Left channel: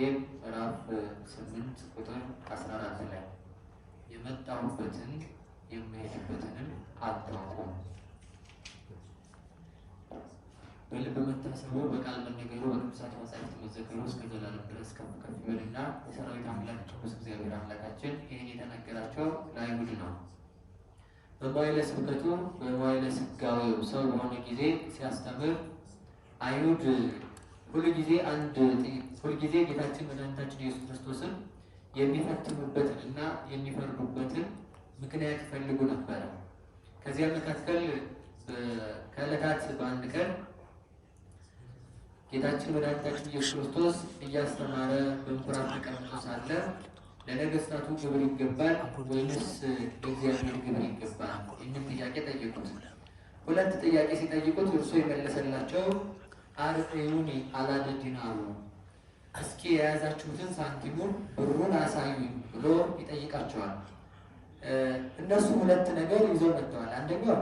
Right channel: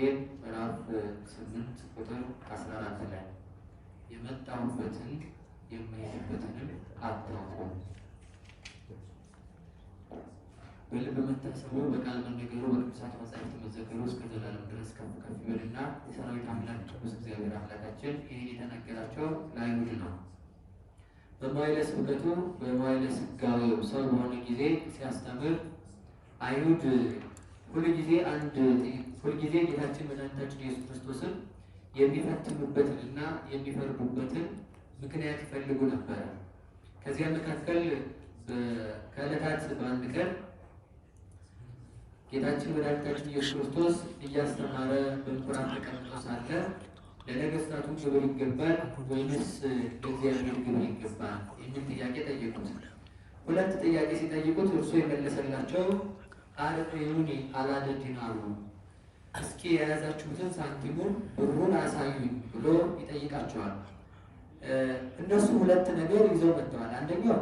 ወንጌል ምዕራፍ 8 ቁጥር 14 ላይ የመጣሁበትን የምሄድበትንም አታውቁም። በልብ መታሰቡ በቃል መነገሩ በቅዱሳት መጻሕፍት መዘከሩ እስከ ዘላለም ድረስ ከፍ ከፍ ይበልና የሰራዊት አምላክ ቅዱስ እግዚአብሔር አምላካችን ይህን የተናገራቸው ለአይሁድ ነው። በመዋዕለ ስብከቱ በመዋዕለ ሥጋዌው ሰው በሆነ ጊዜ ሲያስተምር አይሁድ ሁልጊዜ ጌታችን መድኃኒታችን ኢየሱስ ክርስቶስን የሚፈትኑበትንና የሚፈርዱበትን ምክንያት ይፈልጉ ነበር። ከዚያ መካከል ከዕለታት በአንድ ቀን ጌታችን መድኃኒታችን ኢየሱስ ክርስቶስ እያስተማረ በምኩራብ ተቀምጦ ሳለ ለነገሥታቱ ግብር ይገባል ወይንስ ለእግዚአብሔር ግብር ይገባል የሚል ጥያቄ ጠየቁት። ሁለት ጥያቄ ሲጠይቁት እርሱ የመለሰላቸው አርዑኒ አላደ ዲናሩ፣ እስኪ የያዛችሁትን ሳንቲሙን ብሩን አሳዩኝ ብሎ ይጠይቃቸዋል። እነሱ ሁለት ነገር ይዘው መጥተዋል። አንደኛው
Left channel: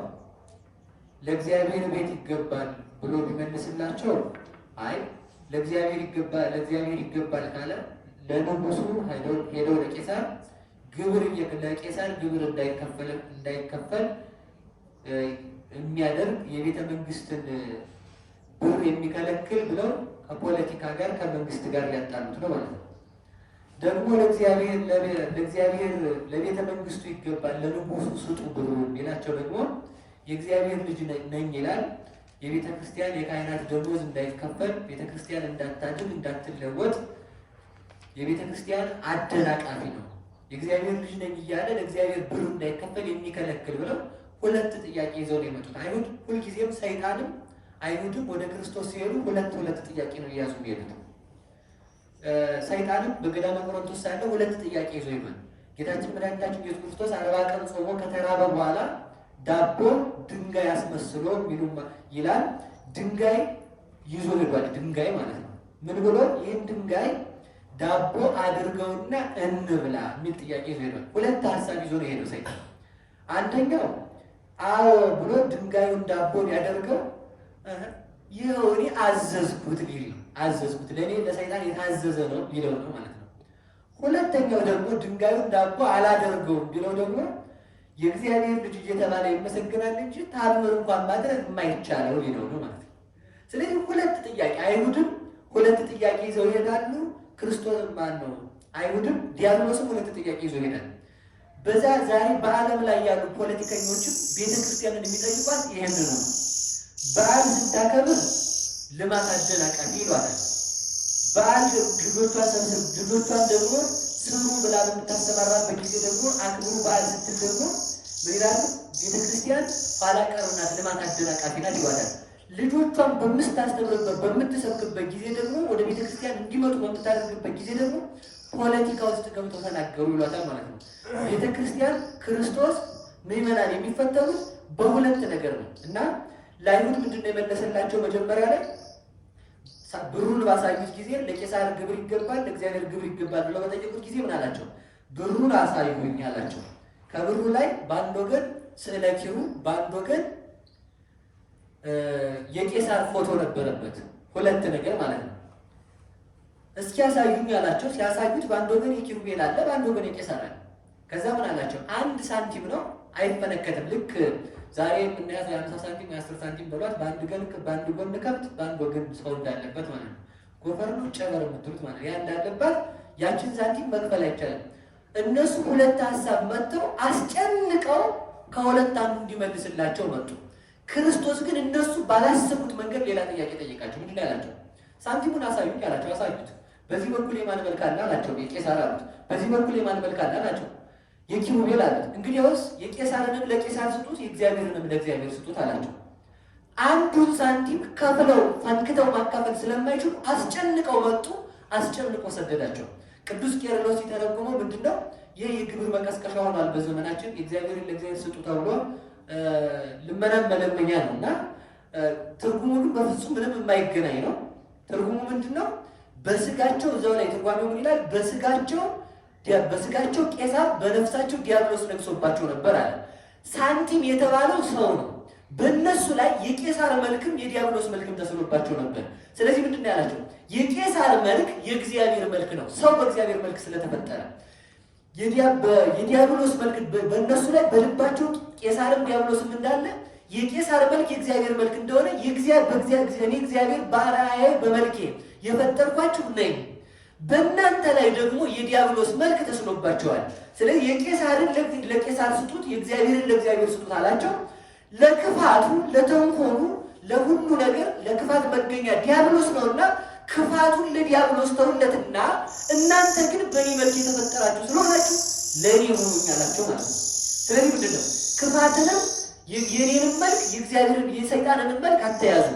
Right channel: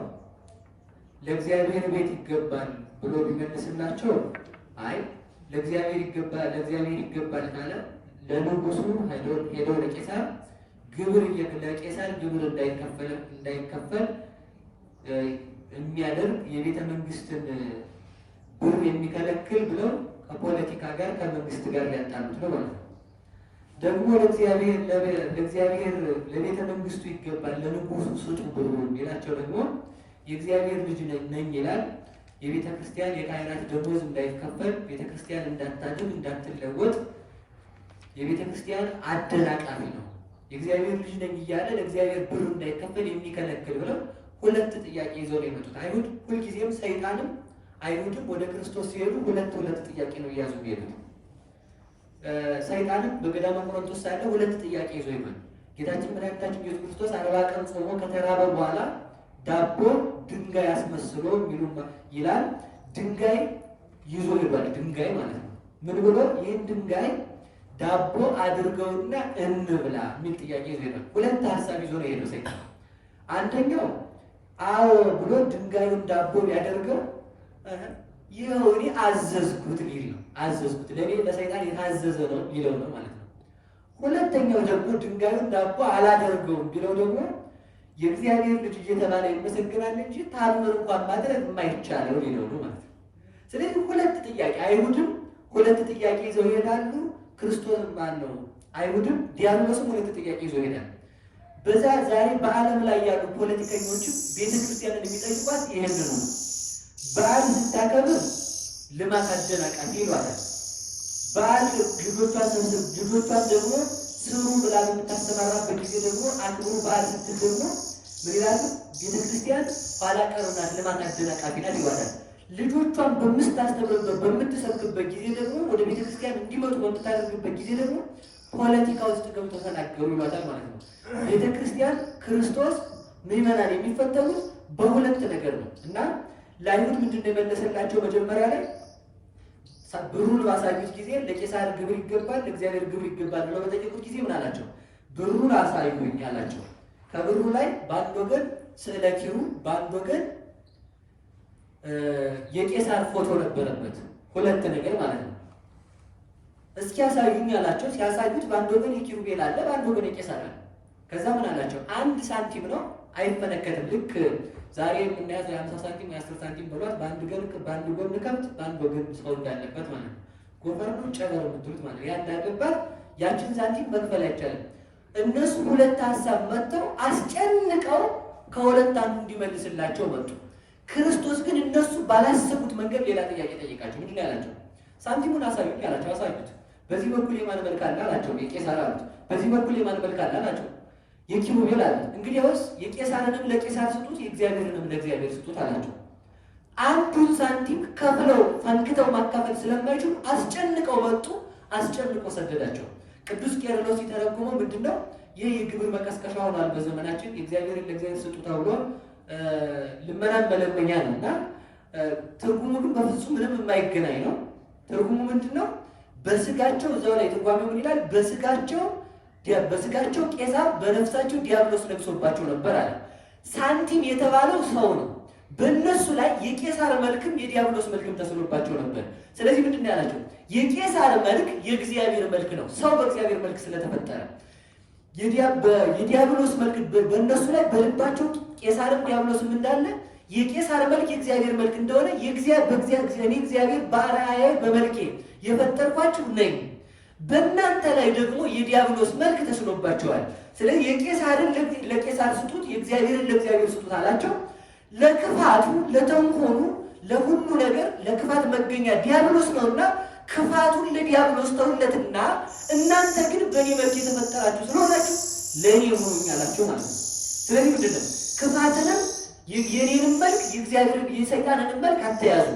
ለእግዚአብሔር ቤት ይገባል ብሎ ቢመልስላቸው አይ ለእግዚአብሔር ይገባል ካለ ለንጉሱ ሄዶ ለቄሳር ግብር እንዳይከፈል የሚያደርግ የቤተ መንግስትን ብር የሚከለክል ብለው ከፖለቲካ ጋር ከመንግስት ጋር ሊያጣሉት ነው ማለት ነው። ደግሞ ለእግዚአብሔር ለቤተ መንግስቱ ይገባል ለንጉሱ ስጡ ብሎ የሚላቸው ደግሞ የእግዚአብሔር ልጅ ነኝ ይላል። የቤተ ክርስቲያን የካህናት ደሞዝ እንዳይከፈል፣ ቤተ ክርስቲያን እንዳታድን እንዳትለወጥ፣ የቤተ ክርስቲያን አደናቃፊ ነው። የእግዚአብሔር ልጅ ነኝ እያለ ለእግዚአብሔር ብር እንዳይከፈል የሚከለክል ብለው ሁለት ጥያቄ ይዘው ነው የመጡት። አይሁድ ሁልጊዜም ሰይጣንም አይሁድም ወደ ክርስቶስ ሲሄዱ ሁለት ጥያቄ ነው እያዙ የሚሄዱት። ሰይጣንም በገዳመ ቆሮንቶስ ሳለ ሁለት ጥያቄ ይዞ ይመጣል። ጌታችን መድኃኒታችን ኢየሱስ ክርስቶስ 40 ቀን ጾሞ ከተራበ በኋላ ዳቦ ድንጋይ አስመስሎ ይላል። ድንጋይ ይዞ ይባል ድንጋይ ማለት ነው። ምን ብሎ ይህን ድንጋይ ዳቦ አድርገውና እንብላ የሚል ጥያቄ ይዞ ይባል። ሁለት ሀሳብ ይዞ ነው የሄደው ሰይጣን። አንደኛው አዎ ብሎ ድንጋዩን ዳቦ ሊያደርገው ይኸው እኔ አዘዝኩት ሊል ነው። አዘዝኩት ለእኔ ለሰይጣን የታዘዘ ነው ሊለው ነው ማለት ነው። ሁለተኛው ደግሞ ድንጋዩን ዳቦ አላደርገውም ቢለው ደግሞ የእግዚአብሔር ልጅ እየተባለ ይመሰገናል እንጂ ታምር እንኳን ማድረግ የማይቻለው ሊለው ነው ማለት ነው። ስለዚህ ሁለት ጥያቄ አይሁድም ሁለት ጥያቄ ይዘው ይሄዳሉ። ክርስቶስም ማን ነው አይሁድም ዲያብሎስም ሁለት ጥያቄ ይዘው ይሄዳሉ። በዛ ዛሬ በዓለም ላይ ያሉ ፖለቲከኞችም ቤተክርስቲያንን የሚጠይቋት ይሄንን ነው። በዓል ስታከብር ልማት አደናቃፊ ይሏታል። በዓል ልጆቿን ደግሞ ስሩ ብላ በምታስተማራበት ጊዜ ደግሞ አክብሩ በዓል ስትል ደግሞ ምን ይላሉ? ቤተክርስቲያን ኋላ ቀር ናት፣ ልማት አደናቃፊ ናት ይሏታል። ልጆቿን በምታስተምርበት በምትሰብክበት ጊዜ ደግሞ ወደ ቤተክርስቲያን እንዲመጡ በምታደርግበት ጊዜ ደግሞ ፖለቲካ ውስጥ ገብተው ተናገሩ ይሏታል ማለት ነው። ቤተክርስቲያን ክርስቶስ ምዕመናን የሚፈተኑት በሁለት ነገር ነው እና ለአይሁድ ምንድን ነው የመለሰላቸው? መጀመሪያ ላይ ብሩን ባሳዩት ጊዜ ለቄሳር ግብር ይገባል ለእግዚአብሔር ግብር ይገባል ብለው በጠየቁት ጊዜ ምን አላቸው? ብሩን አሳዩኝ አላቸው። ከብሩ ላይ በአንድ ወገን ስዕለ ኪሩብ በአንድ ወገን የቄሳር ፎቶ ነበረበት። ሁለት ነገር ማለት ነው። እስኪ ያሳዩኝ አላቸው። ሲያሳዩት በአንድ ወገን የኪሩቤል አለ፣ በአንድ ወገን የቄሳር አለ። ከዛ ምን አላቸው? አንድ ሳንቲም ነው አይፈነከትም። ልክ ዛሬ የምናያት የ50 ሳንቲም የ10 ሳንቲም በሏት በአንድ ጎን ከብት በአንድ ወገን ሰው እንዳለበት ማለት ነው። ጎፈር ነው ጨበረ የምትሉት ማለት ያ እንዳለባት ያችን ሳንቲም መክፈል አይቻልም። እነሱ ሁለት ሀሳብ መጥተው አስጨንቀው ከሁለት አንዱ እንዲመልስላቸው መጡ። ክርስቶስ ግን እነሱ ባላሰቡት መንገድ ሌላ ጥያቄ ጠየቃቸው። ምንድን ነው ያላቸው? ሳንቲሙን አሳዩኝ አላቸው። አሳዩት። በዚህ በኩል የማን መልክ አለ አላቸው። የቄሳር አሉት። በዚህ በኩል የማን መልክ አለ አላቸው። የኪሩቤል አለ። እንግዲያውስ የቄሳርንም ለቄሳር ስጡት የእግዚአብሔርንም ለእግዚአብሔር ስጡት አላቸው። አንዱን ሳንቲም ከፍለው ፈንክተው ማካፈል ስለማይችሉ አስጨንቀው መጡ። አስጨንቀው ሰደዳቸው። ቅዱስ ቄርሎስ ሲተረጉመው ምንድነው ይህ የግብር መቀስቀሻ ሆኗል በዘመናችን። የእግዚአብሔርን ለእግዚአብሔር ስጡ ተብሎ ልመናን መለመኛ ነው እና ትርጉሙ ግን በፍጹም ምንም የማይገናኝ ነው። ትርጉሙ ምንድነው? በስጋቸው እዛው ላይ ትርጓሜው ምን ይላል? በስጋቸው ቄሳር በነፍሳቸው ዲያብሎስ ነግሶባቸው ነበር አለ። ሳንቲም የተባለው ሰው ነው። በእነሱ ላይ የቄሳር መልክም የዲያብሎስ መልክም ተስሎባቸው ነበር። ስለዚህ ምንድን ነው ያላቸው? የቄሳር መልክ የእግዚአብሔር መልክ ነው፣ ሰው በእግዚአብሔር መልክ ስለተፈጠረ። የዲያብሎስ መልክ በእነሱ ላይ በልባቸው ቄሳርም ዲያብሎስም እንዳለ የቄሳር መልክ የእግዚአብሔር መልክ እንደሆነ እኔ እግዚአብሔር በአርአያዬ በመልኬ የፈጠርኳችሁ ነኝ፣ በእናንተ ላይ ደግሞ የዲያብሎስ መልክ ተስሎባቸዋል። ስለዚህ የቄሳርን ለቄሳር ስጡት፣ የእግዚአብሔርን ለእግዚአብሔር ስጡት አላቸው። ለክፋቱ ለተንኮሉ ለሁሉ ነገር ለክፋት መገኛ ዲያብሎስ ነውና ክፋቱን ለዲያብሎስ ተውለትና እናንተ ግን በእኔ መልክ የተፈጠራችሁ ስለሆናችሁ ለእኔ ሁኑኝ አላቸው ማለት ነው። ስለዚህ ምንድን ነው ክፋትንም የኔንም መልክ የእግዚአብሔርን የሰይጣንንም መልክ አትያዙ።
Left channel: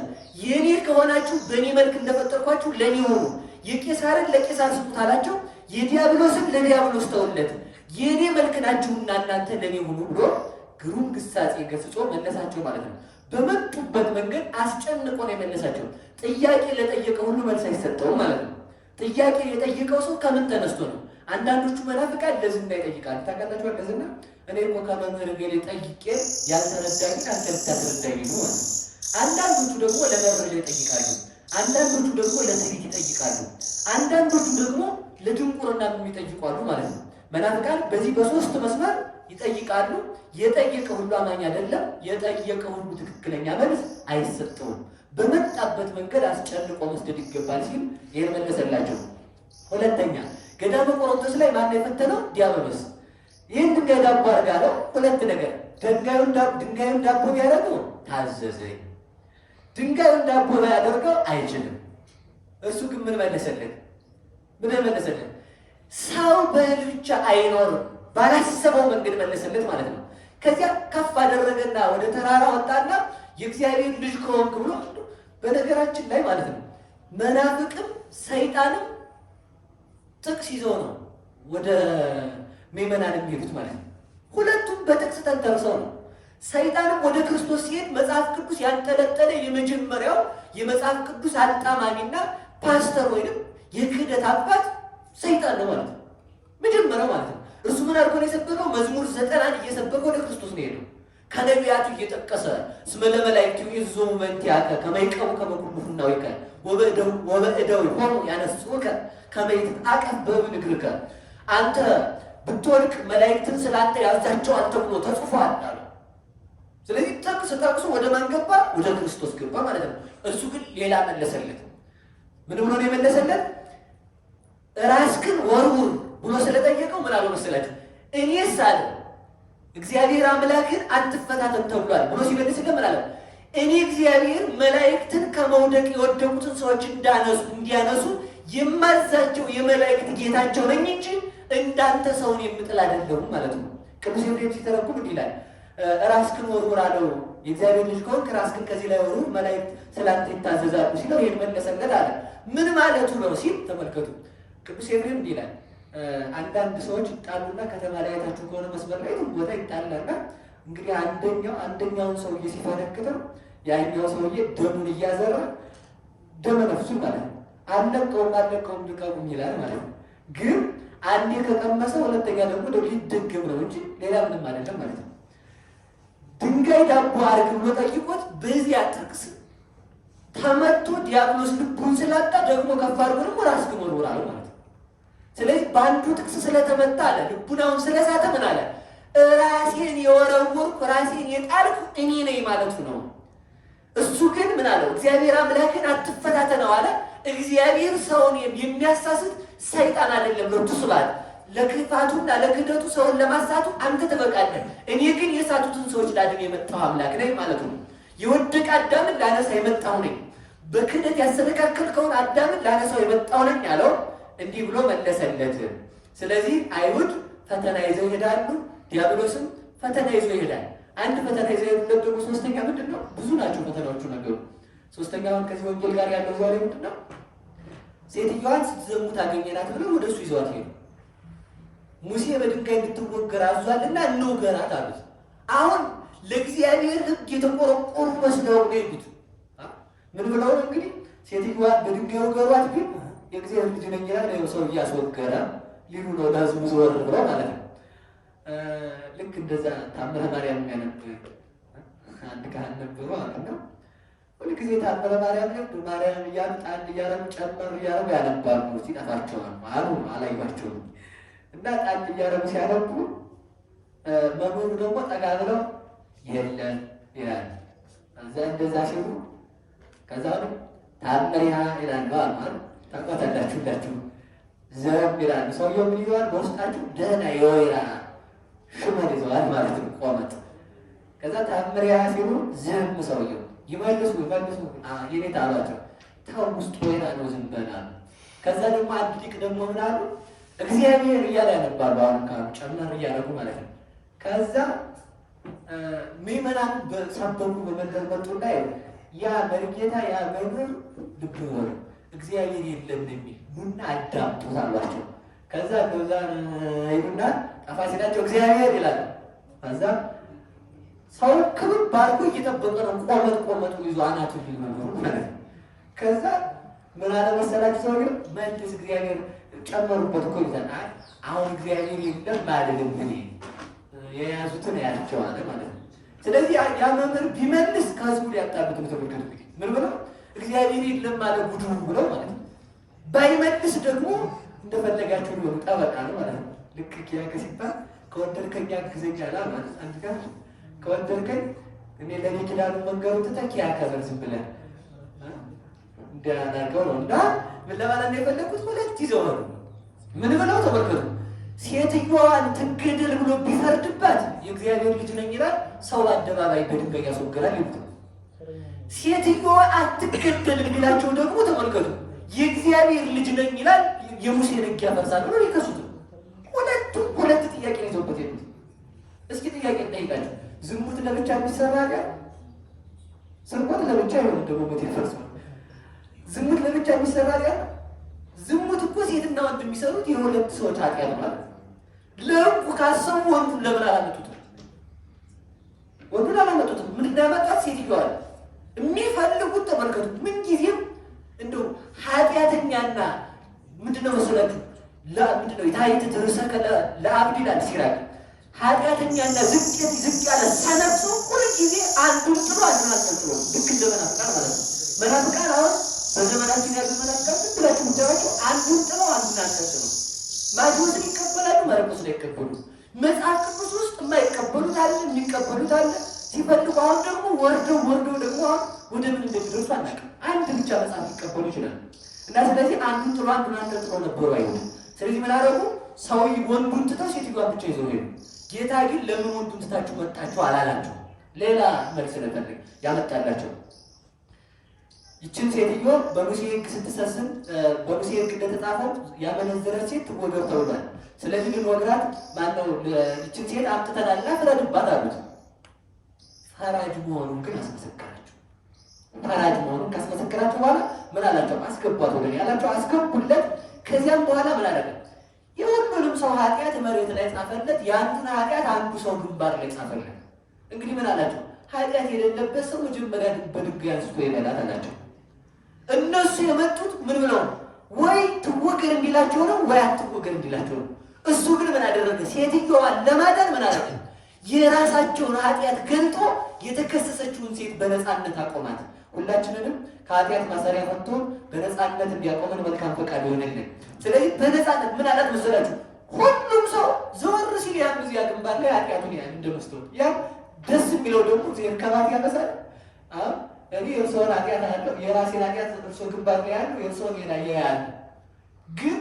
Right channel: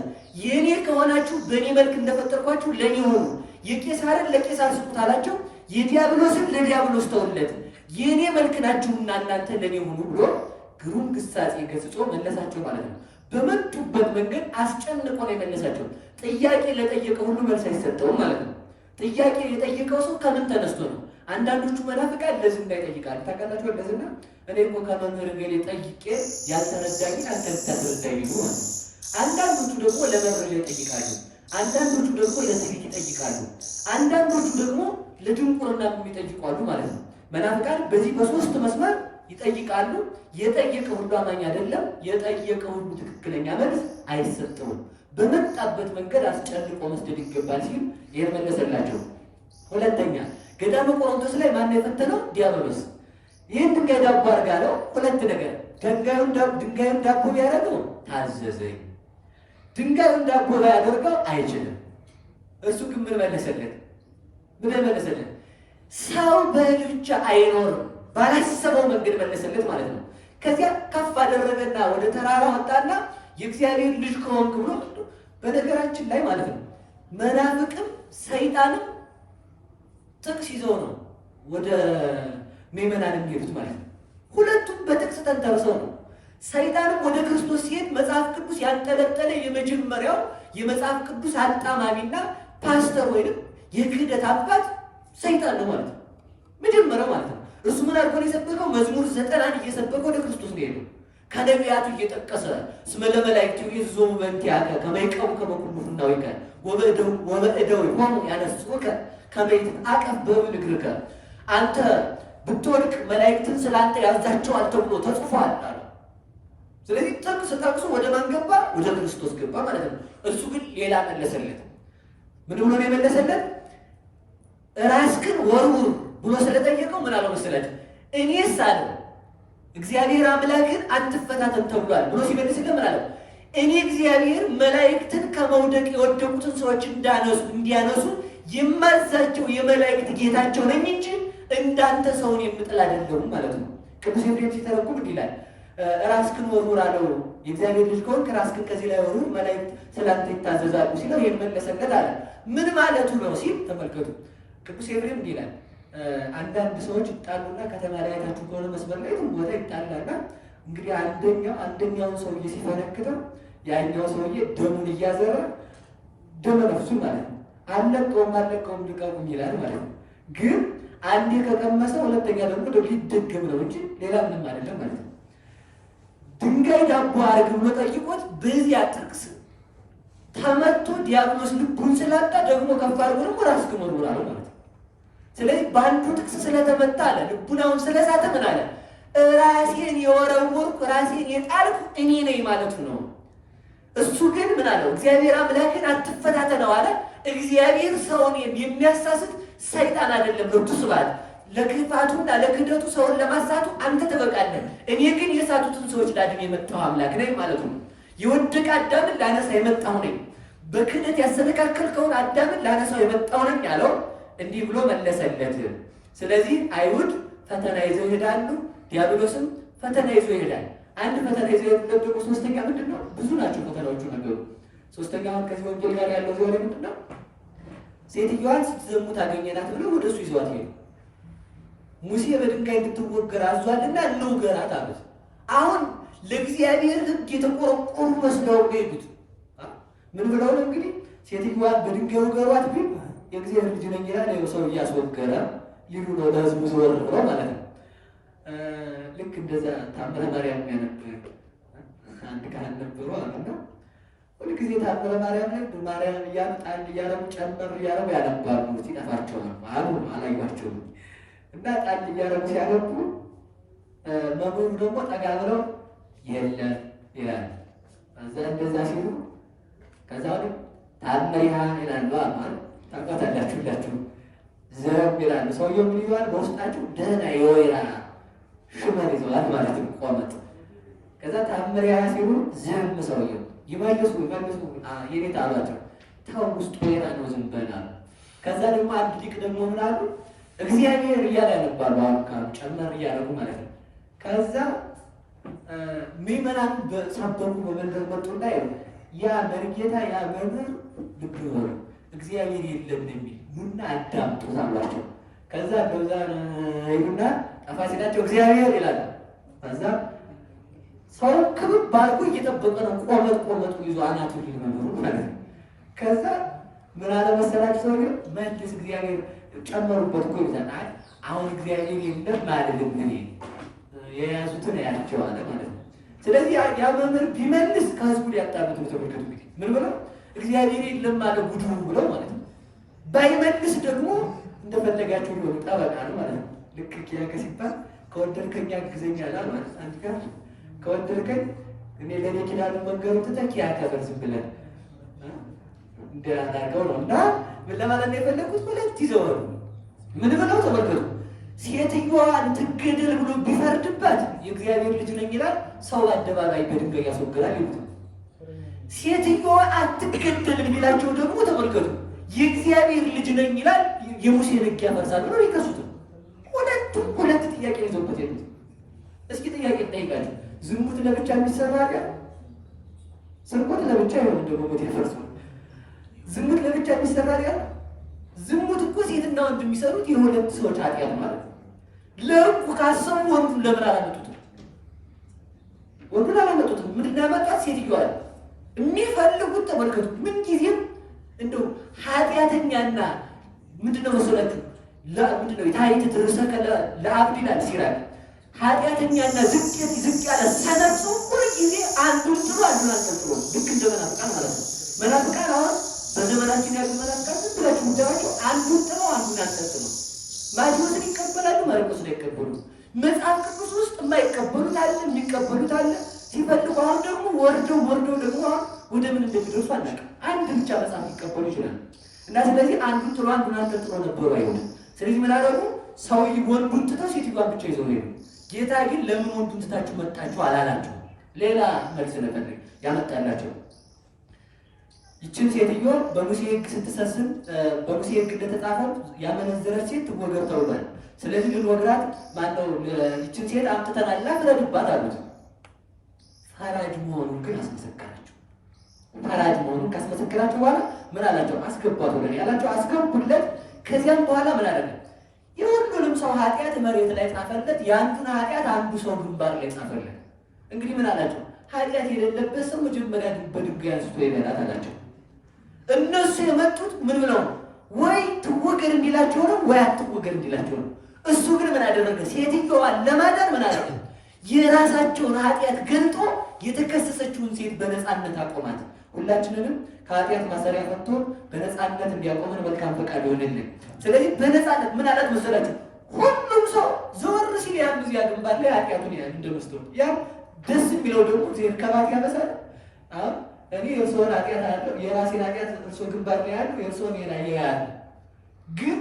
የኔ ከሆናችሁ በእኔ መልክ እንደፈጠርኳችሁ ለእኔ ሁኑ። የቄሳርን ለቄሳር ስጡት አላቸው። የዲያብሎስን ለዲያብሎስ ተውለት። የኔ መልክ ናችሁና እናንተ ለእኔ ሁኑ ብሎ ግሩም ግሳጼ ገስጾ መለሳቸው ማለት ነው። በመጡበት መንገድ አስጨንቆ ነው የመለሳቸው። ጥያቄ ለጠየቀ ሁሉ መልስ አይሰጠውም ማለት ነው። ጥያቄ የጠየቀው ሰው ከምን ተነስቶ ነው? አንዳንዶቹ መናፍቃን ለዝና ይጠይቃሉ። ታውቃላችሁ? ለዝና እኔ እኮ ከመምህር ገሌ ጠይቄ ያልተረዳኝን አንተ ልታስረዳኝ ነው ማለት ነው። አንዳንዶቹ ደግሞ ለመረጃ ይጠይቃሉ። አንዳንዶቹ ደግሞ ለትዕቢት ይጠይቃሉ። አንዳንዶቹ ደግሞ ለድንቁርና የሚጠይቋሉ ማለት ነው። መናፍቃን በዚህ በሶስት መስመር ይጠይቃሉ። የጠየቀ ሁሉ አማኝ አይደለም። የጠየቀ ሁሉ ትክክለኛ መልስ አይሰጠውም። በመጣበት መንገድ አስጨንቆ መስደድ ይገባል ሲል ይሄን መለሰላቸው። ሁለተኛ ገዳመ ቆሮንቶስ ላይ ማን የፈተነው? ዲያብሎስ። ይህን ድንጋይ ዳቦ አድርጋ አለው። ሁለት ነገር፣ ድንጋዩን ዳቦ ቢያደርገው ታዘዘኝ፣ ድንጋዩን ዳቦ ባያደርገው አይችልም። እሱ ግን ምን መለሰለት? ምን መለሰለት? ሰው በእህል ብቻ አይኖርም ባላሰበው መንገድ መለሰለት ማለት ነው። ከዚያ ከፍ አደረገና ወደ ተራራ ወጣና የእግዚአብሔር ልጅ ከሆንክ ብሎ በነገራችን ላይ ማለት ነው መናፍቅም ሰይጣንም ጥቅስ ይዘው ነው ወደ ምዕመናን የሚሄዱት ማለት ነው። ሁለቱም በጥቅስ ተንተርሰው ነው። ሰይጣንም ወደ ክርስቶስ ሲሄድ መጽሐፍ ቅዱስ ያንጠለጠለ የመጀመሪያው የመጽሐፍ ቅዱስ አጣማሚና ፓስተር ወይንም የክህደት አባት ሰይጣን ነው ማለት ነው። መጀመሪያው ማለት ነው። እሱ ምን አድርጎ ነው የሰበከው? መዝሙር 90 እየሰበከ ወደ ክርስቶስ ነው የሄደው። ከነቢያቱ እየጠቀሰ እስመ ለመላእክቱ ይዞሙ በእንቲአከ ከመ ይቀቡ ከመ ኩሉ ፍናዊከ ወበእደው ሆኑ ያነሱከ ከመ ይትዐቀፍ በእግርከ፣ አንተ ብትወድቅ መላእክትን ስላንተ ያዛቸዋል ተብሎ ተጽፏል አለ። ስለዚህ ጥቅስ ጠቅሶ ወደ ማን ገባ? ወደ ክርስቶስ ገባ ማለት ነው። እሱ ግን ሌላ መለሰለት። ምን ብሎ ነው የመለሰለት? ራስክን ወርውር ብሎ ስለጠየቀው ምን አለው መሰላችሁ? እኔስ አለ እግዚአብሔር አምላክን አትፈታተን ተብሏል ብሎ ሲመልስለት ምን አለው? እኔ እግዚአብሔር መላእክትን ከመውደቅ የወደቁትን ሰዎች እንዲያነሱ የማዛቸው የመላእክት ጌታቸው ነኝ እንጂ እንዳንተ ሰውን የምጥል አይደለሁም ማለት ነው። ቅዱስ ኤፍሬም ሲተረጉም እንዲህ ይላል፣ ራስክን ወርውር አለው። የእግዚአብሔር ልጅ ከሆንክ ራስክን ከዚህ ላይ ወርውር፣ መላእክት ስላንተ ይታዘዛሉ ሲለው ይሄን መለሰለት አለ። ምን ማለቱ ነው ሲል ተመልከቱ። ቅዱስ ኤፍሬም እንዲህ ይላል፣ አንዳንድ ሰዎች ይጣሉና ከተማ ላይ አይታችሁ ከሆነ መስመር ላይ ቦታ ይጣላና እንግዲህ አንደኛውን ሰውዬ ሲፈነክተው ያኛው ሰውዬ ደሙን እያዘራ ደመ ነፍሱ ማለት ነው አለቀውም ልቀቁም ይላል ማለት ነው። ግን አንዴ ከቀመሰ ሁለተኛ ደግሞ ሊደገም ነው እንጂ ሌላ ምንም አይደለም ማለት ነው። ድንጋይ ዳቦ አድርግ ብሎ ጠይቆት በዚያ ጥቅስ ተመቶ ዲያብሎስ ልቡን ስላጣ ደግሞ ከፍ አድርጎ ደግሞ ራስክን ወርውር አለው ማለት ነው። ስለዚህ በአንዱ ጥቅስ ስለተመታ አለ ልቡናውን ስለሳተ ምን አለ? ራሴን የወረወርኩ ራሴን የጣልኩ እኔ ነኝ ማለቱ ነው። እሱ ግን ምን አለው? እግዚአብሔር አምላክን አትፈታተነው አለ። እግዚአብሔር ሰውን የሚያሳስት ሰይጣን አይደለም። ለብቱ ስባል ለክፋቱና ለክደቱ ሰውን ለማሳቱ አንተ ትበቃለህ፣ እኔ ግን የሳቱትን ሰዎች ላድን የመጣሁ አምላክ ነኝ ማለቱ ነው። የወደቀ አዳምን ላነሳ የመጣሁ ነኝ፣ በክደት ያሰነካከልከውን አዳምን ላነሳው የመጣሁ ነኝ ያለው እንዲህ ብሎ መለሰለት። ስለዚህ አይሁድ ፈተና ይዘው ይሄዳሉ፣ ዲያብሎስም ፈተና ይዞ ይሄዳል። አንድ ፈተና ይዘው ደግሞ ሶስተኛ ምንድን ነው? ብዙ ናቸው ፈተናዎቹ ነገሩ። ሶስተኛውን ከዚህ ወንጌል ጋር ያለው ዛሬ ምንድን ነው? ሴትዮዋን ስትዘሙት አገኘናት ብለው ወደ እሱ ይዘዋት ሄዱ። ሙሴ በድንጋይ እንድትወገር አዟልና እንውገራት አሉት። አሁን ለእግዚአብሔር ሕግ የተቆረቆሩ መስለው ነው ይሉት። ምን ብለው ነው እንግዲህ ሴትዮዋን በድንጋይ ወገሯት ቢል የእግዚአብሔር ልጅ ነኝ ይላል ሰው እያስወገረ ሊሉ ነው ለሕዝቡ ዘወር ብለው ማለት ነው። ልክ እንደዛ ታምረ ማርያም ያነብ አንድ ካህን ነበሩ አሉና ሁልጊዜ ታምረ ማርያም ላይ ማርያም እያሉ ጣል እያረጉ ጨመር እያረጉ ያነባሉ። ሲጠፋቸዋል አሉ አላዩቸውም እና ጣል እያረጉ ሲያነቡ መምህሩ ደግሞ ጠጋ ብለው የለም ይላል። እንደዛ ሲሉ ከዛ ታምሪሃ ይላሉ አማር ታውቃላችሁ ሁላችሁ ዘብ ይላሉ። ሰውየው ምን ይዘዋል? በውስጣቸው ደህና የወይራ ሽመል ይዘዋል ማለት ነው ቆመጥ። ከዛ ታምሪሃ ሲሉ ዝም ሰውየው ይመልሱ የኔታ አሏቸው። ተው ውስጥ ወይራ ነው ዝም በላሉ። ከዛ ደግሞ አንድ ሊቅ ደግሞ ምን አሉ? እግዚአብሔር እያለ ያነባሉ። አሁን ካሉ ጨመር እያደረጉ ማለት ነው። ከዛ ምዕመናን በሰበኩ በመንገድ መጡና ያ መርጌታ ያ መምህር ልብ ወሩ እግዚአብሔር የለም የሚል ኑና አዳምጡት አሏቸው። ከዛ በዛ ይሉና ጠፋ ሲላቸው እግዚአብሔር ይላል። ከዛ ሰው ክብብ ባርጎ እየጠበቀ ነው። ቆመጡ ይዞ አናቱ ሊመምሩ ማለት ነው። ከዛ ምን አለ መሰላችሁ ሰው መልስ እግዚአብሔር ጨመሩበት እኮ ይላል። አሁን እግዚአብሔር የለም አይደለም እኔ የያዙትን ያቸው አለ ማለት ነው። ስለዚህ ያ መምህር ቢመልስ ከህዝቡ ሊያጣሉት ተመልከቱ። እንግዲህ ምን ብለው እግዚአብሔር የለም አለ ጉዱ ብለው ማለት ነው። ባይመልስ ደግሞ እንደፈለጋቸው ሊሆኑ ጠበቃ ነው ማለት ነው። ልክ ኪያከ ሲባል ከወደድከኝ አግዘኝ አለ ማለት አንድ ጋር ከወደድከኝ እኔ ለኔ ኪዳኑ መንገሩ ተተኪ ያከበር ዝብለን እንዲያናገው ነው። እና ምን ለማለት ነው የፈለኩት? ሁለት ይዘው ነው ምን ብለው ተመልከቱ። ሴትዮዋን ትገደል ብሎ ቢፈርድባት የእግዚአብሔር ልጅ ነኝ ይላል። ሰው አደባባይ በድንጋይ ያስወግራል ይሉት። ሴትዮዋ አትገደል ቢላቸው ደግሞ ተመልከቱ የእግዚአብሔር ልጅ ነኝ ይላል። የሙሴ ሕግ ያፈርሳል ብሎ ይከሱት። ሁለት ጥያቄ ይዘውበት የሉት። እስኪ ጥያቄ ጠይቃቸው። ዝሙት ለብቻ የሚሰራ ጋር ስርቆት ለብቻ ይሆን ደግሞ ሞት ይፈርሱ። ዝሙት ለብቻ የሚሰራ ጋር ዝሙት እኮ ሴትና ወንድ የሚሰሩት የሁለት ሰዎች ኃጢአት ማለት ነው። ለሕጉ ካሰቡ ወንዱን ለምን አላመጡትም? ወንዱን አላመጡትም። ምንድን ነው ያመጣት? ሴትዮዋ የሚፈልጉት ተመልከቱ። ምን ጊዜም እንደው ኃጢአተኛና ምንድነው መሰላችሁ ምንድነው የታይት ትርሰከ ለአብድ ይላል ሲራክ። ኃጢአተኛና ዝቅ ያለ ሰነፍ ሰው ሁል ጊዜ አንዱን ጥሎ አንዱን አንጠልጥሎ ልክ እንደ መናፍቃን ማለት ነው። መናፍቃን አሁን በዘመናችን ያሉ መናፍቃን ዝም ብላችሁ ምታያቸው አንዱን ጥለው አንዱን አንጠልጥሎ ማቴዎስን ይቀበላሉ፣ ማርቆስን አይቀበሉ። መጽሐፍ ቅዱስ ውስጥ የማይቀበሉት አለ፣ የሚቀበሉት አለ። ሲፈልጉ አሁን ደግሞ ወርደው ደግሞ አሁን ወደ ምን እንደሚደርሱ አናውቅም። አንድ ብቻ መጽሐፍ ሊቀበሉ ይችላል። እና ስለዚህ አንዱን ጥሎ አንዱን አንጠልጥሎ ነበሩ አይሁድ። ስለዚህ ምን አደረጉ? ሰው ወንዱን ትተው ሴትዮዋን ብቻ ይዘው ሄዱ። ጌታ ግን ለምን ወንዱን ትታችሁ መጣችሁ አላላቸው። ሌላ መልስ ነበር ያመጣላቸው። ይችን ሴትዮ በሙሴ ሕግ ስትሰስም በሙሴ ሕግ እንደተጻፈው ያመነዘረች ሴት ትወገር ተብሏል። ስለዚህ ልንወግራት ማነው ይችን ሴት አምጥተናልና ፍረድባት አሉት። ፈራጅ መሆኑን ግን አስመሰከራቸው። ፈራጅ መሆኑን ካስመሰከራቸው በኋላ ምን አላቸው? አስገቧት ወደ ያላቸው አስገቡለት። ከዚያም በኋላ ምን አደረገ? የሁሉንም ሰው ኃጢአት መሬት ላይ ጻፈለት። የአንዱን ኃጢአት አንዱ ሰው ግንባር ላይ ጻፈለት። እንግዲህ ምን አላቸው? ኃጢአት የሌለበት ሰው መጀመሪያ በድንጋይ አንስቶ ይበላል አላቸው። እነሱ የመጡት ምን ብለው ነው? ወይ ትወገር እንዲላቸው ነው ወይ አትወገር እንዲላቸው ነው። እሱ ግን ምን አደረገ? ሴትዮዋን ለማዳን ምን አደረገ? የራሳቸውን ኃጢአት ገልጦ የተከሰሰችውን ሴት በነፃነት አቆማት። ሁላችንንም ከኃጢአት ማሰሪያ ፈቶ በነፃነት እንዲያቆመን መልካም ፈቃድ ይሆንልን። ስለዚህ በነፃነት ምን አላት መሰላችሁ? ሁሉም ሰው ዘወር ሲል ያም እዚያ ግንባር ላይ ኃጢአቱን ያህል እንደመስጠት ያም ደስ የሚለው ደግሞ እግዚአብሔር ከባት ያመሳል። አሁን እኔ የእርስዎን ኃጢአት አለው የራሴን ኃጢአት እርስዎ ግንባር ላይ ያለው የእርስዎን ያለ ግን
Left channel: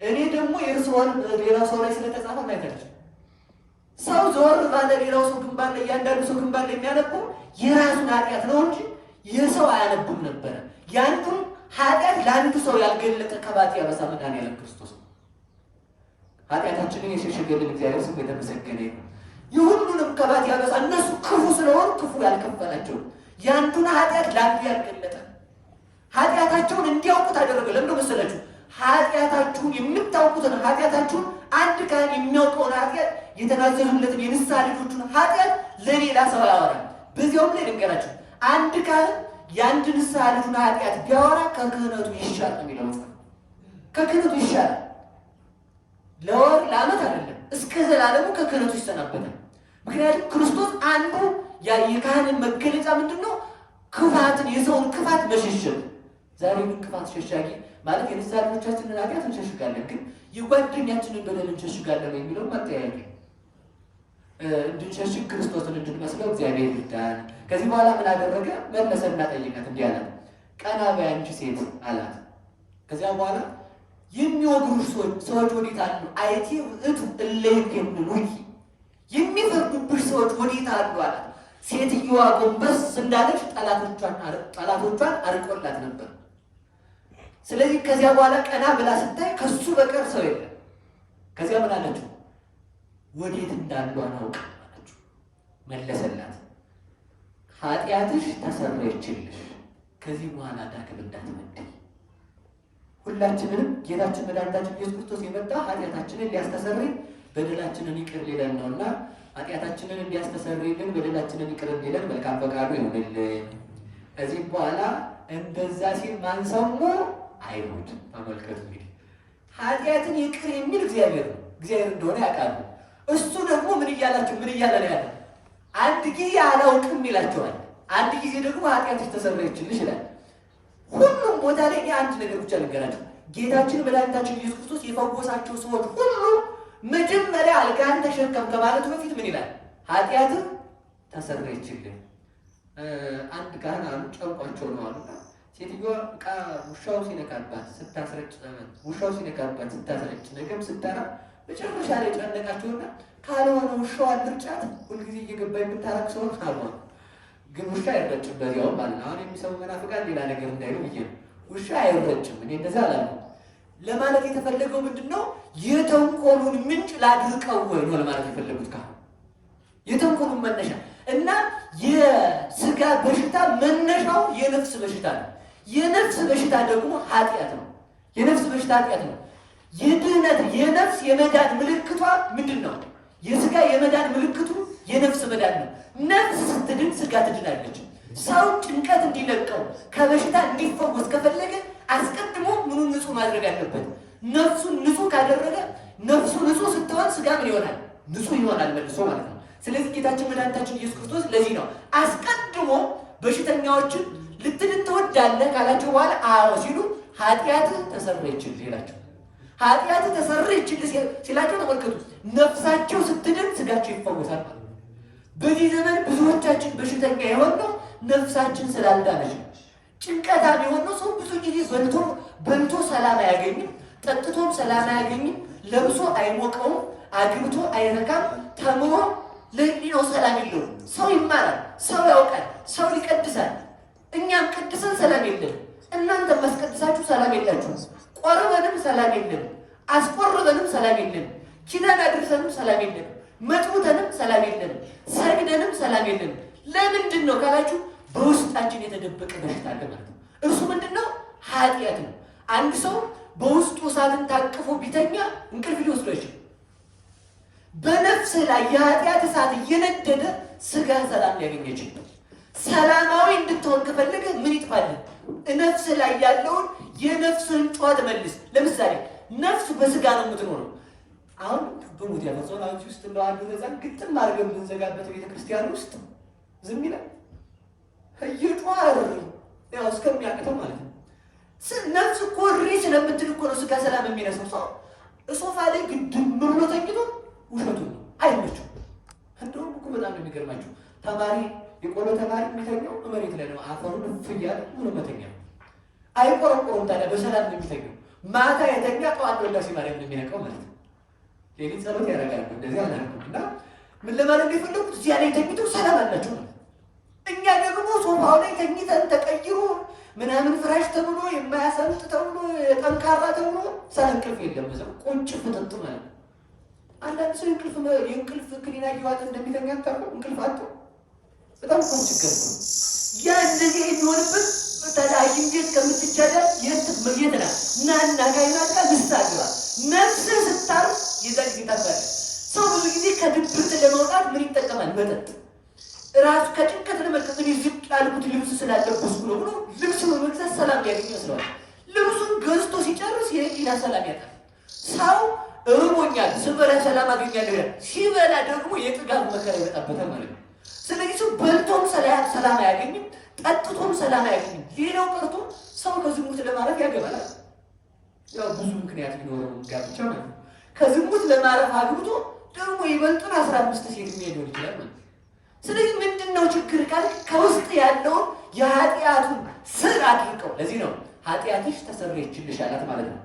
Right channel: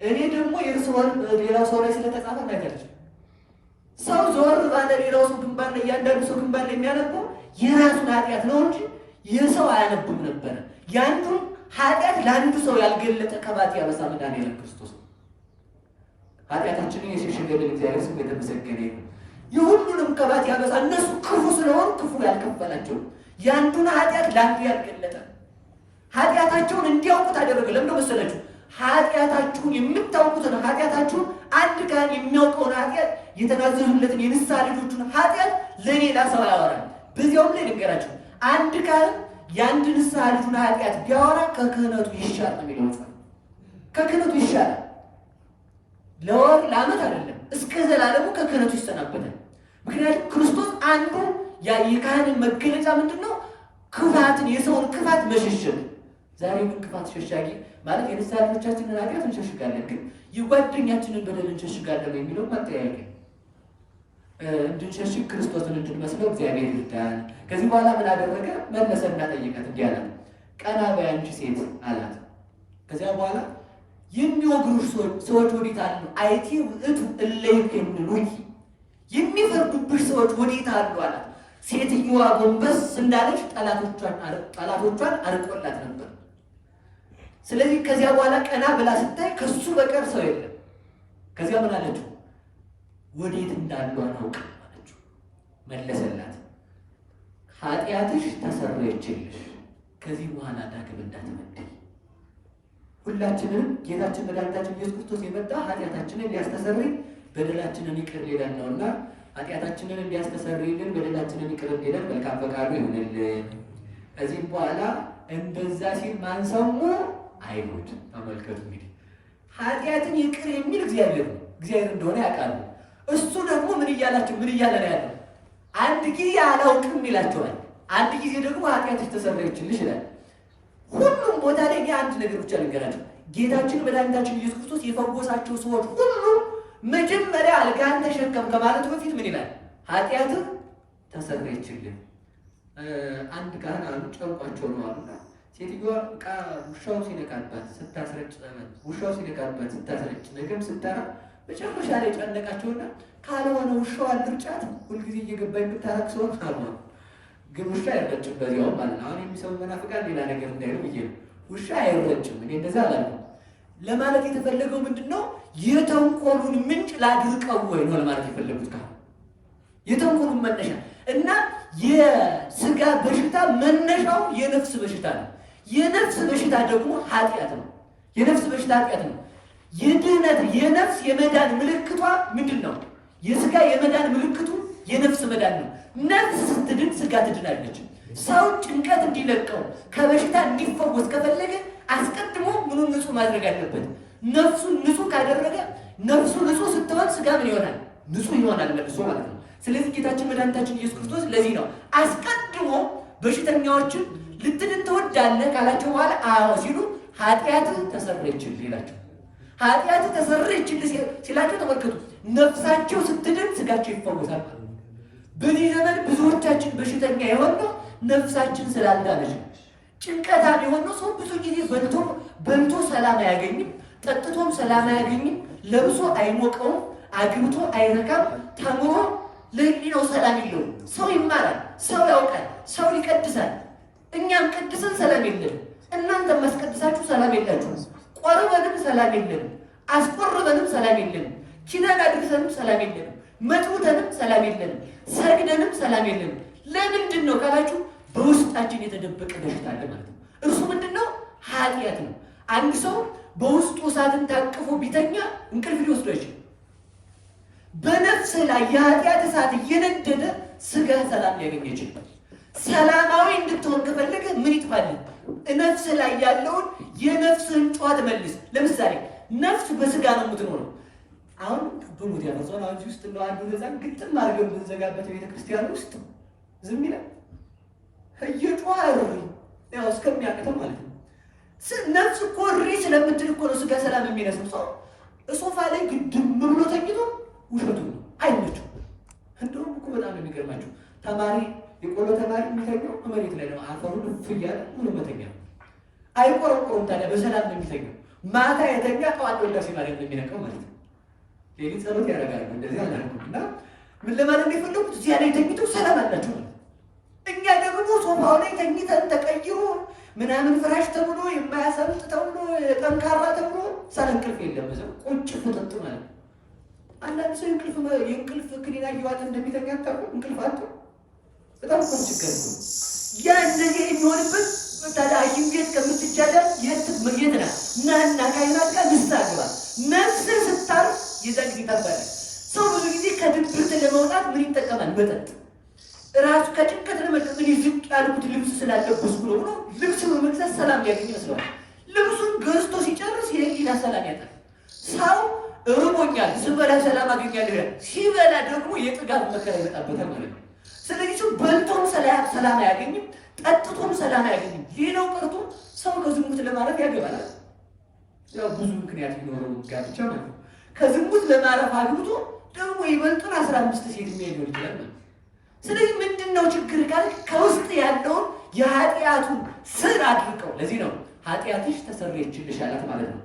እኔ ደግሞ የእርስዎን ሌላው ሰው ላይ ስለተጻፈ ማየታለች። ሰው ዘወር ባለ ሌላው ሰው ግንባር ላይ እያንዳንዱ ሰው ግንባር ላይ የሚያነበው የራሱን ኃጢአት ነው እንጂ የሰው አያነቡም ነበረ። ያንዱን ኃጢአት ለአንዱ ሰው ያልገለጠ ከባት ያበሳ መድኃኒዓለም ክርስቶስ ነው። ኃጢአታችንን የሸሸገልን እግዚአብሔር ስም የተመሰገነ ይሁን። የሁሉንም ከባት ያበሳ እነሱ ክፉ ስለሆኑ ክፉ ያልከፈላቸው ያንዱን ኃጢአት ለአንዱ ያልገለጠ ኃጢአታቸውን እንዲያውቁት አደረገ። ለምን መሰላችሁ? ኃጢአታችሁን የምታውቁትን ኃጢአታችሁን አንድ ካህን የሚያውቀውን ኃጢአት የተናዘዙለትን የንስሐ ልጆቹን ኃጢአት ለሌላ ሰው ያወራል። በዚያውም ላይ ልንገራችሁ፣ አንድ ካህን የአንድ ንስሐ ልጁን ኃጢአት ቢያወራ ከክህነቱ ይሻል ነው የሚለው መጽሐፍ። ከክህነቱ ይሻላል። ለወር ለዓመት አይደለም፣ እስከ ዘላለሙ ከክህነቱ ይሰናበታል። ምክንያቱም ክርስቶስ አንዱ የካህንን መገለጫ ምንድነው? ክፋትን፣ የሰውን ክፋት መሸሸግ። ዛሬ ግን ክፋት ሸሻጊ ማለት የንስሐ ልጆቻችንን ኃጢአት እንሸሽጋለን፣ ግን የጓደኛችንን በደል እንሸሽጋለን የሚለው ማጠያየቅ እንድንሸሽግ ክርስቶስን እንድንመስለው እግዚአብሔር ይርዳን። ከዚህ በኋላ ምን አደረገ? መለሰና ጠየቃት፣ እንዲህ አላት፣ ቀና በይ አንቺ ሴት አላት። ከዚያ በኋላ የሚወግሩሽ ሰዎች ወዴት አሉ? አይቲ ውእቱ እለ ይኮንኑኪ፣ የሚፈርዱብሽ ሰዎች ወዴት አሉ አላት። ሴትዮዋ ጎንበስ እንዳለች ጠላቶቿን አርቆላት ነበር። ስለዚህ ከዚያ በኋላ ቀና ብላ ስታይ ከሱ በቀር ሰው የለም። ከዚያ ምን አለችው? ወዴት እንዳሉ አናውቅም አለችው። መለሰላት፣ ኃጢአትሽ ተሰረየችልሽ፣ ከዚህ በኋላ ዳግም እንዳትበድይ። ሁላችንም ጌታችን መድኃኒታችን ኢየሱስ ክርስቶስ የመጣ ኃጢአታችንን ሊያስተሰርይ በደላችንን ይቅር ሊለን ነውና ኃጢአታችንን እንዲያስተሰርይልን በደላችንን ይቅር እንዲለን መልካም ፈቃዱ ይሁንልን። ከዚህም በኋላ እንደዛ ሲል ማን ሰሙ? አይሁድ። ተመልከቱ እንግዲህ ኃጢአትን ይቅር የሚል እግዚአብሔር ነው። እግዚአብሔር እንደሆነ ያውቃሉ። እሱ ደግሞ ምን እያላቸው ምን እያለ ነው ያለው? አንድ ጊዜ አላውቅም ይላቸዋል፣ አንድ ጊዜ ደግሞ ኃጢአትሽ ተሰረየችልሽ ይላል። ሁሉም ቦታ ላይ አንድ ነገር ብቻ ልንገራቸው። ጌታችን መድኃኒታችን ኢየሱስ ክርስቶስ የፈወሳቸው ሰዎች ሁሉ መጀመሪያ አልጋን ተሸከም ከማለቱ በፊት ምን ይላል? ኃጢአትህ ተሰረየችልህ። አንድ ካህን አሉ ጨንቋቸው ነው አሉና ሴትዮዋ ዕቃ ውሻው ሲነካባት ስታስረጭ ውሻው ሲነካባት ስታስረጭ ነገም ስታራ መጨረሻ ላይ ጨነቃቸውና ካልሆነ ውሻው አልርጫት ሁልጊዜ እየገባ የምታረቅ ሰውን አሉ። ግን ውሻ አይረጭም በዚያው ማለት ነው። አሁን የሚሰሙ መናፍቃን ሌላ ነገር እንዳይሉ ብዬ ነው። ውሻ አይረጭም። እኔ እንደዛ አላልኩም። ለማለት የተፈለገው ምንድነው? የተንኮሉን ምንጭ ላድርቀው ወይ ነው ለማለት የፈለጉት። ካሁን የተንኮሉን መነሻ እና የስጋ በሽታ መነሻው የነፍስ በሽታ ነው። የነፍስ በሽታ ደግሞ ኃጢአት ነው። የነፍስ በሽታ ኃጢአት ነው። የድህነት የነፍስ የመዳን ምልክቷ ምንድን ነው? የስጋ የመዳን ምልክቱ የነፍስ መዳን ነው። ነፍስ ስትድን ስጋ ትድናለች። ሰው ጭንቀት እንዲለቀው ከበሽታ እንዲፈወስ ከፈለገ አስቀድሞ ምኑን ንጹህ ማድረግ አለበት? ነፍሱን ንጹህ ካደረገ ነፍሱ ንጹህ ስትሆን ስጋ ምን ይሆናል? ንጹህ ይሆናል መልሶ ማለት ነው። ስለዚህ ጌታችን መድኃኒታችን ኢየሱስ ክርስቶስ ለዚህ ነው አስቀድሞ በሽተኛዎችን ልትድን ትወዳለህ ካላቸው በኋላ አዎ ሲሉ ኃጢአትህ ተሰረየችልህ ይላቸው። ኃጢአትህ ተሰረየችልህ ሲላቸው ተመልከቱ፣ ነፍሳቸው ስትድን ስጋቸው ይፈወሳል ማለት ነው። በዚህ ዘመን ብዙዎቻችን በሽተኛ የሆነው ነፍሳችን ስላልዳነች ነው። ጭንቀታም የሆነው ሰው ብዙ ጊዜ በልቶ ሰላም አያገኝም፣ ጠጥቶም ሰላም አያገኝም፣ ለብሶ አይሞቀውም፣ አግብቶ አይረካም፣ ተምሮ ለሕሊናው ሰላም የለውም። ሰው ይማራል፣ ሰው ያውቃል፣ ሰው ይቀድሳል። እኛም ቀድሰን ሰላም የለንም። እናንተም ማስቀድሳችሁ ሰላም የላችሁም። ቆርበንም ሰላም የለንም፣ አስቆርበንም ሰላም የለንም፣ ኪዳን አድርሰንም ሰላም የለንም፣ መጥሙተንም ሰላም የለንም፣ ሰግደንም ሰላም የለንም። ለምንድን ነው ካላችሁ በውስጣችን የተደበቀ በሽታ አለ ማለት ነው። እርሱ ምንድን ነው? ኃጢአት ነው። አንድ ሰው በውስጡ እሳትን ታቅፎ ቢተኛ እንቅልፍ ሊወስዶ አይችልም። በነፍስ ላይ የኃጢአት እሳት እየነደደ ስጋ ሰላም ሊያገኝ ይችላል። ሰላማዊ እንድትሆን ከፈለገ ምን ይጥፋልን? ነፍስ ላይ ያለውን የነፍስን ጨዋታ መልስ። ለምሳሌ ነፍስ በስጋ ነው የምትኖረው። አሁን በሞት ያፈዘውን አሁን ውስጥ እንደው አንዱ ነዛን ግጥም አድርገን ብንዘጋበት ቤተክርስቲያን ውስጥ ዝም ይላል። እየጮኸ ያው እስከሚያቅተው ማለት ነው። ነፍስ እኮ እሪ ስለምትል እኮ ነው ስጋ ሰላም የሚነሳው። ሰው ሶፋ ላይ ግድም ብሎ ተኝቶ ውሸቱ ነው፣ አይመችም። እንደውም እኮ በጣም ነው የሚገርማችሁ። ተማሪ የቆሎ ተማሪ የሚተኛው መሬት ላይ ነው። አፈሩን እፍ እያለ ሆኖ መተኛ አይቆረቆሩም። ታዲያ በሰላም ነው የሚተኛው። ማታ የተኛ ጠዋት ወዳሴ ማርያም ነው የሚነቃው ማለት ነው። ሌሊት ጸሎት ያደርጋሉ። እንደዚህ አላልኩም። እና ምን ለማለት ነው የፈለጉት? እዚያ ላይ ተኝተው ሰላም አላቸው ማለት ነው። እኛ ደግሞ ሶፋው ላይ ተኝተን ተቀይሮ ምናምን ፍራሽ ተብሎ የማያሰልጥ ተብሎ ጠንካራ ተብሎ ሰላም እንቅልፍ የለም። በዛው ቁጭ ፍጥጥ ማለት ነው። አንዳንድ ሰው የእንቅልፍ ክኒና እየዋጠ እንደሚተኛ ታውቁ። እንቅልፍ አጥቶ በጣም እኮ ችግር ነው። ያ እንደዚህ የሚሆንበት ታዲያ ሐኪም ቤት ከምትቻዳል የት ናት? ናና ካይናት ጋር ንስሓ ግባ። ነፍስን ስታር የዛን ጊዜ ታባለ። ሰው ብዙ ጊዜ ከድብርት ለመውጣት ምን ይጠቀማል? መጠጥ። ራሱ ከጭንቀት ለመጠጥ እኔ ዝቅ ያልኩት ልብስ ስላለብስ ብሎ ልብስ በመግዛት ሰላም ሊያገኝ ይመስለዋል። ልብሱን ገዝቶ ሲጨርስ የህሊና ሰላም ያጣል። ሰው ርቦኛል ስበላ ሰላም አገኛለሁ ይላል። ሲበላ ደግሞ የጥጋብ መከራ ይመጣበታል ማለት ነው። ስለዚህ ሰው በልቶም ሰላም አያገኝም፣ ጠጥቶም ሰላም አያገኝም። ሌላው ቀርቶ ሰው ከዝሙት ለማረፍ ያገባል። ያው ብዙ ምክንያት ሊኖረው ጋብቻ ማለት ነው። ከዝሙት ለማረፍ አግብቶ ደግሞ ይበልጡን 15 ሴት ሊሆን ይችላል ማለት ነው። ስለዚህ ምንድነው ችግር ካል ከውስጥ ያለውን የኃጢአቱን ስር አድርቀው ለዚህ ነው ኃጢአትሽ ተሰረየችልሽ አላት ማለት ነው።